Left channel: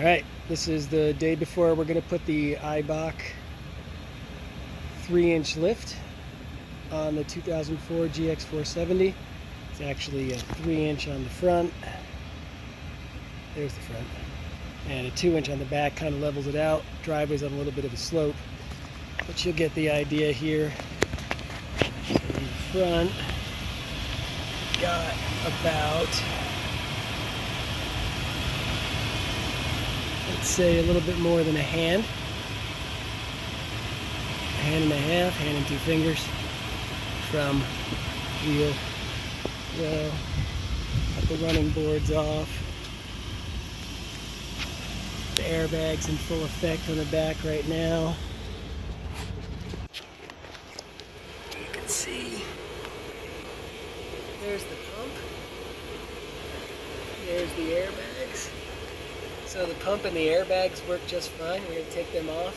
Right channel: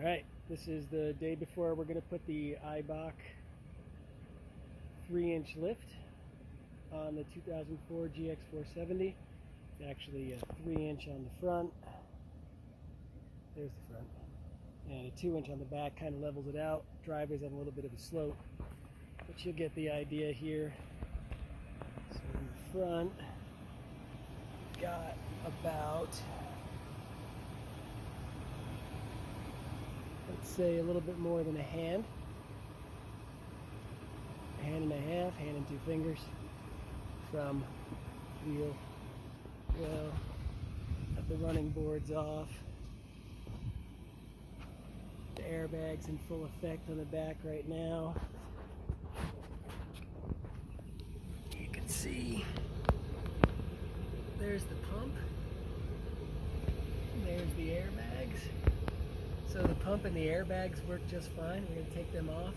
Alright, this is the day before we're going to put the Eibach 3-inch lift on the 2004 GX470. It's actually a 3-inch on the front. There's the front. And a 2-inch on the back, kind of levels it out. Driveway's on a little bit of a slope, but you'll get the idea here. So in the front, got about, let's say, a little bit more than a hand and a half, hand and 2 fingers from wheel. Well, got the running boards off. The airbag's in full effect on the back right now. You can see there's the pump. There's the airbags. So the pump and the airbags work just fine. We're going to take them off,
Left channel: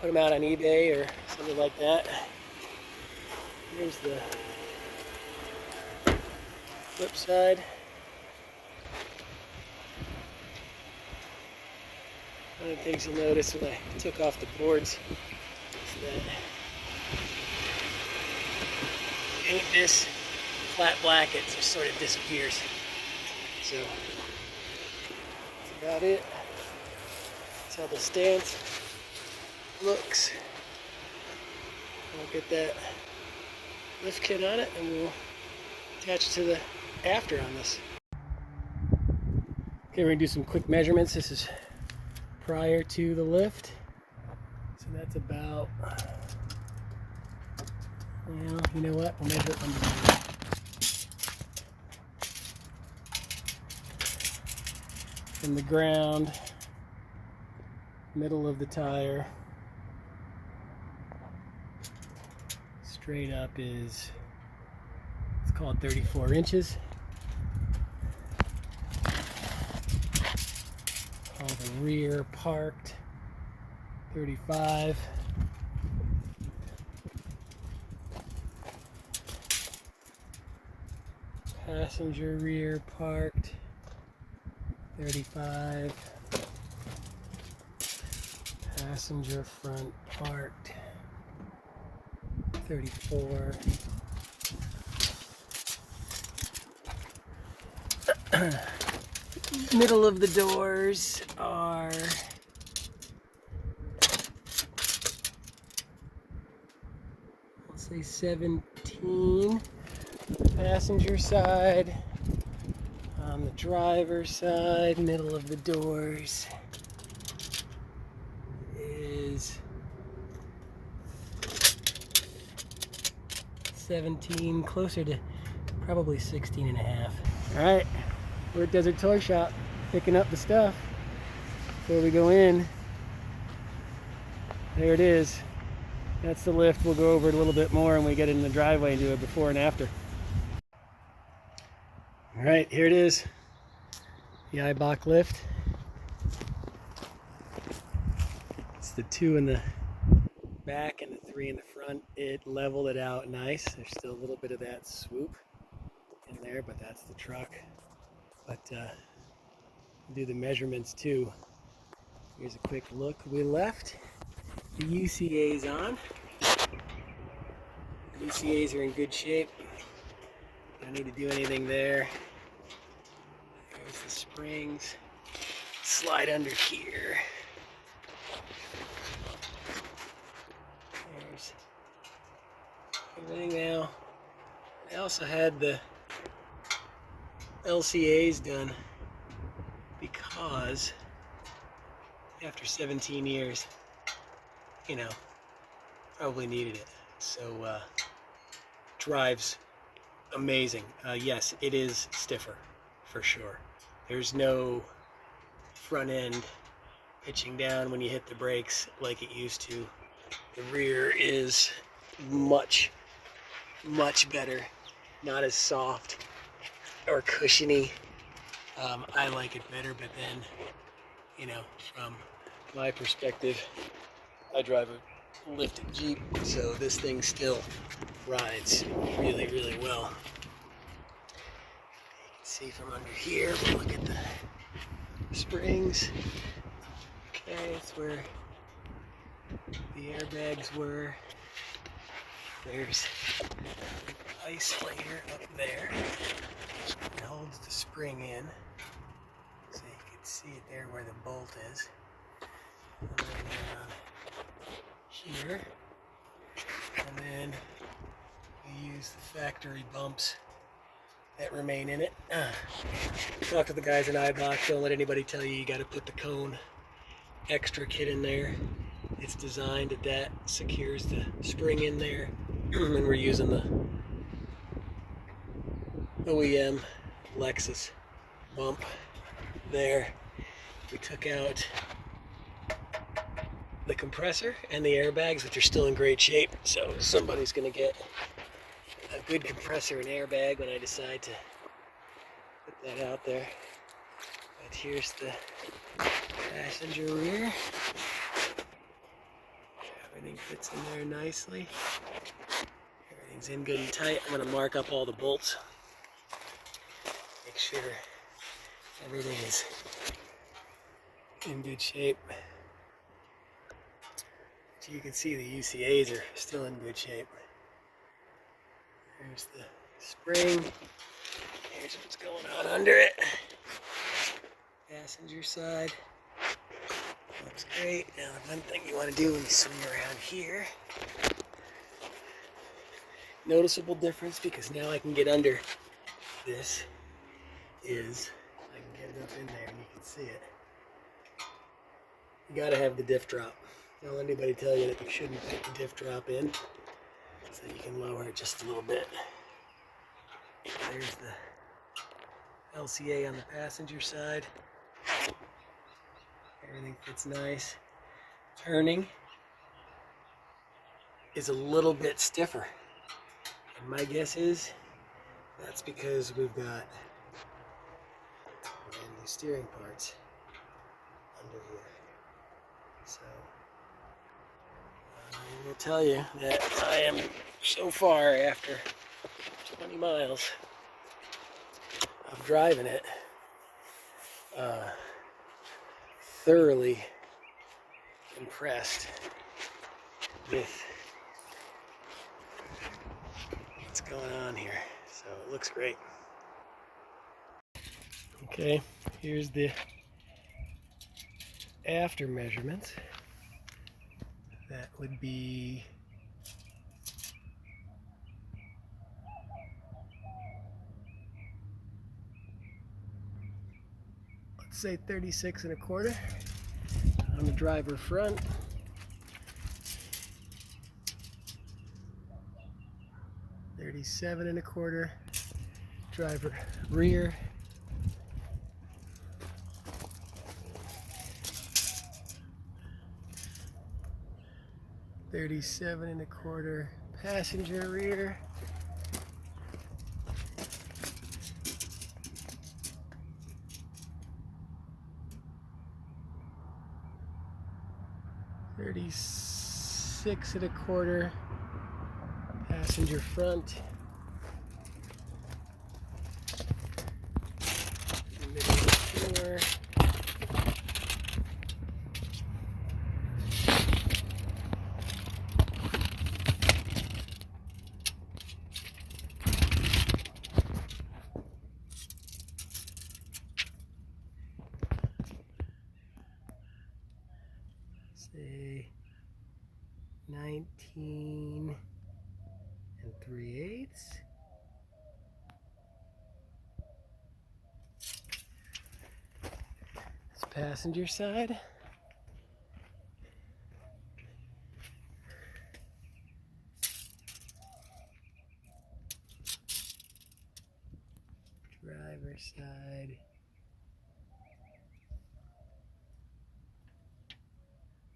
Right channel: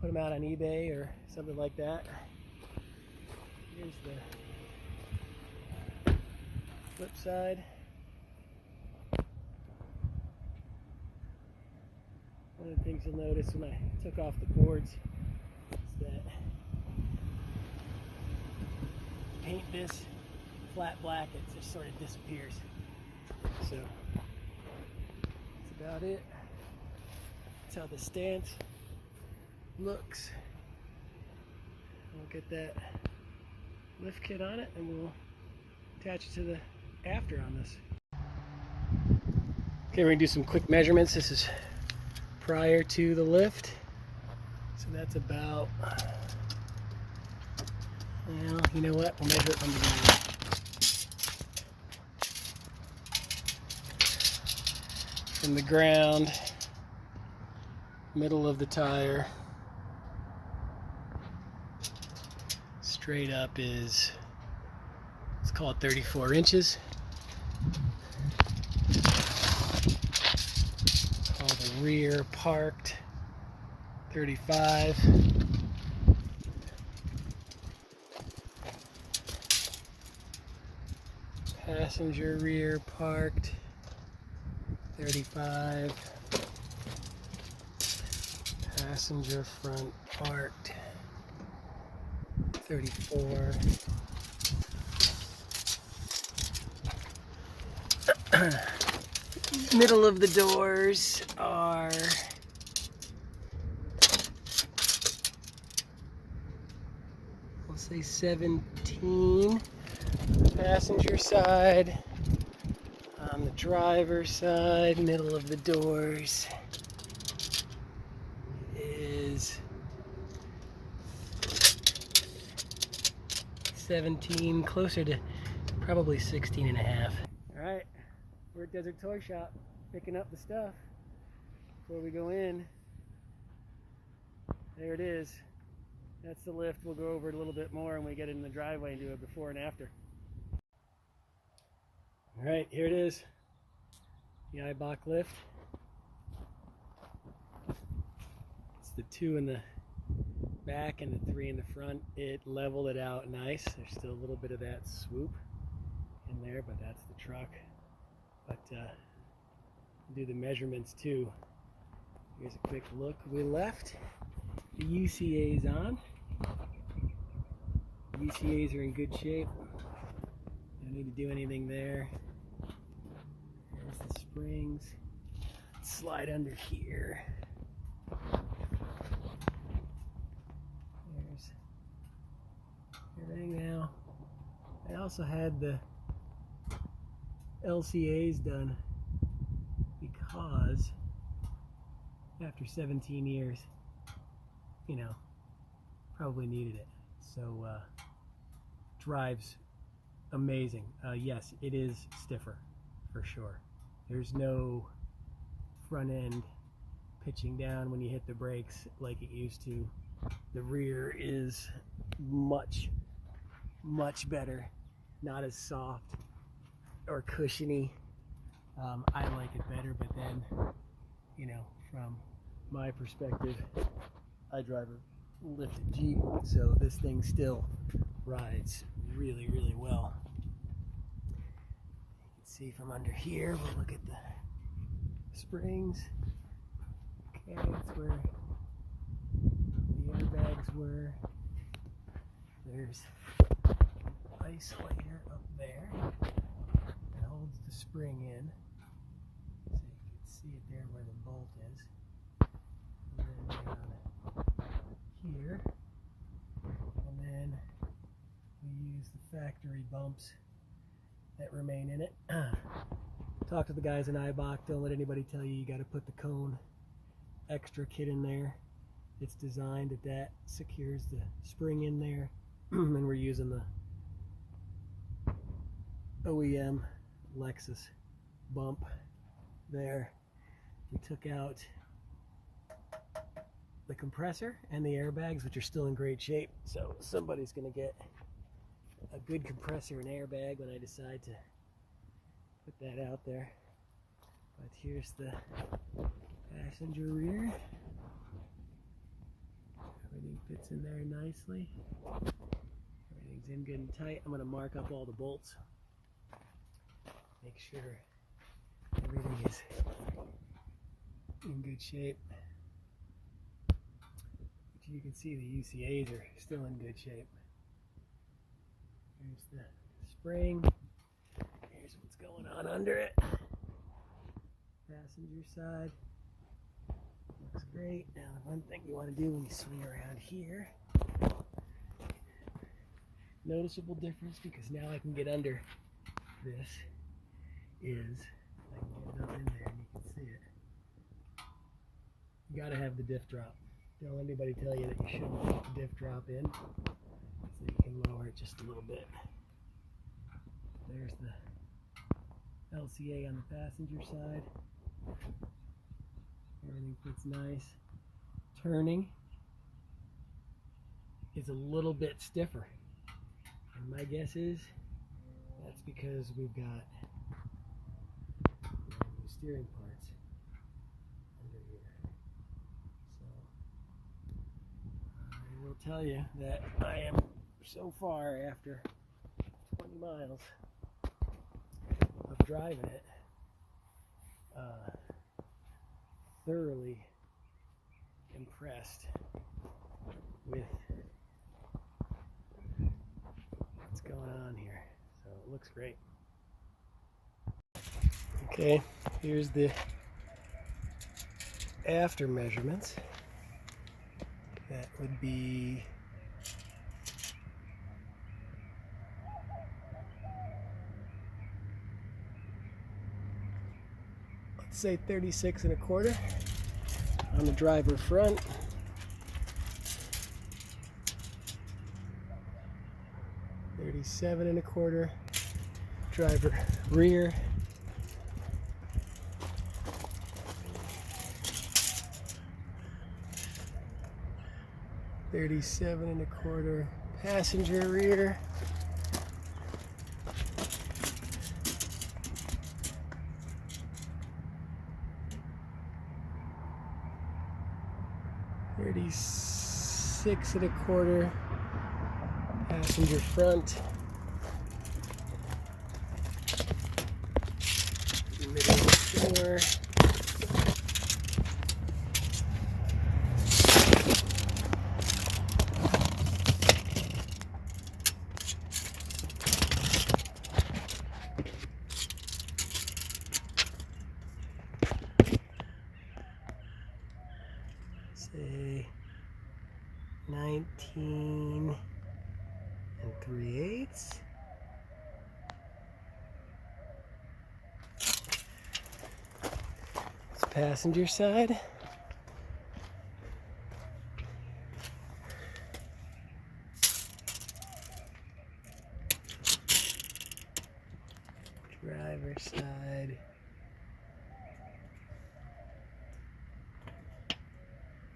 put them out on eBay or something like that. Here's the flip side. One of the things you'll notice when I took off the boards is that paint this flat black, it just sort of disappears. So that's about it. That's how the stance looks. We'll get that lift kit on it and we'll attach it to the after on this. Okay, we're gonna do some quick measurements. This is prior to the lift. So that's about, well, you know what? We'll measure it from the beginning. From the ground, middle of the tire, straight up is, let's call it 34 inches. Call the rear parked 35. Passenger rear parked 35. Passenger front parked 34. Middle of the doors are let's say 17. Passenger side. On the driver's side, middle of the doors is 17, closer to probably 16 and a half. All right, we're at Desert Toy Shop picking up the stuff before we go in. There it is. That's the lift. We'll go over it a little bit more when we get in the driveway and do a before and after. All right, here it is, the Eibach lift. It's the 2 in the back and the 3 in the front. It leveled it out nice. There's still a little bit of that swoop in there, but that's the truck. But do the measurements too. Here's a quick look. We left the UCA's on. The UCA's are in good shape. Don't need to do anything there. There's the springs. Slide under here. There's everything now. I also had the LCA's done because after 17 years, you know, probably needed it. So drives amazing. Yes, it is stiffer for sure. There's no front end pitching down when you hit the brakes like it used to. The rear is much better, not as soft or cushiony. I like it better, but then, you know, from my perspective, I drive a lifted Jeep, so this thing still rides really well. You can see from under here, we'll look at the springs. Okay, that's where the airbags were. There's an isolator up there that holds the spring in. So you can see it there where the bolt is. And then down here. And then we use the factory bumps that remain in it. Talk to the guys in Eibach. Don't let anybody tell you got to put the cone extra kit in there. It's designed that secures the spring in there. And we're using the OEM Lexus bump there. We took out the compressor and the airbags, which are still in great shape. So somebody's going to get a good compressor and airbag when I decide to put that out there. But here's the passenger rear. Everything fits in there nicely. Everything's in good and tight. I'm going to mark up all the bolts. Make sure everything is in good shape. But you can see the UCAs are still in good shape. There's the spring. Here's what's going on under it. Passenger side. Looks great. Now the one thing you want to do when you swing around here. Noticeable difference, because now I can get under this, is I can get it up in there and you can see it. You gotta have the diff drop. Don't let anybody tell you that you shouldn't put the diff drop in, so you can lower it just a little bit. There's the LCA on the passenger side. Everything fits nice. Turning is a little bit stiffer. And my guess is that's because we've got brand new steering parts under here. So I will tell you that I am so far, after 20 miles of driving it, thoroughly impressed with what's going on here. So it looks great. Okay, here's the after measurements. That would be say 36 1/4 on the driver front. $37 1/4 driver rear. $37 1/4 passenger rear. $36 1/4 passenger front. Middle of the floor. Say 19 3/8. It's passenger side. Driver side.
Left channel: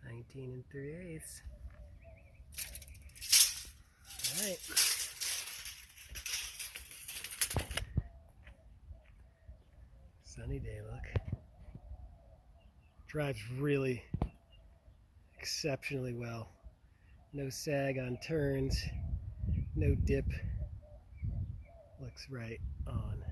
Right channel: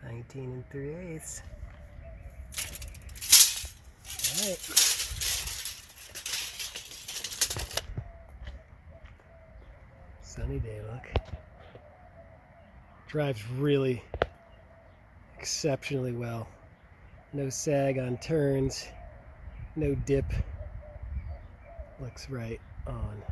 19 3/8. All right. Sunny day look. Drives really exceptionally well. No sag on turns, no dip. Looks right on.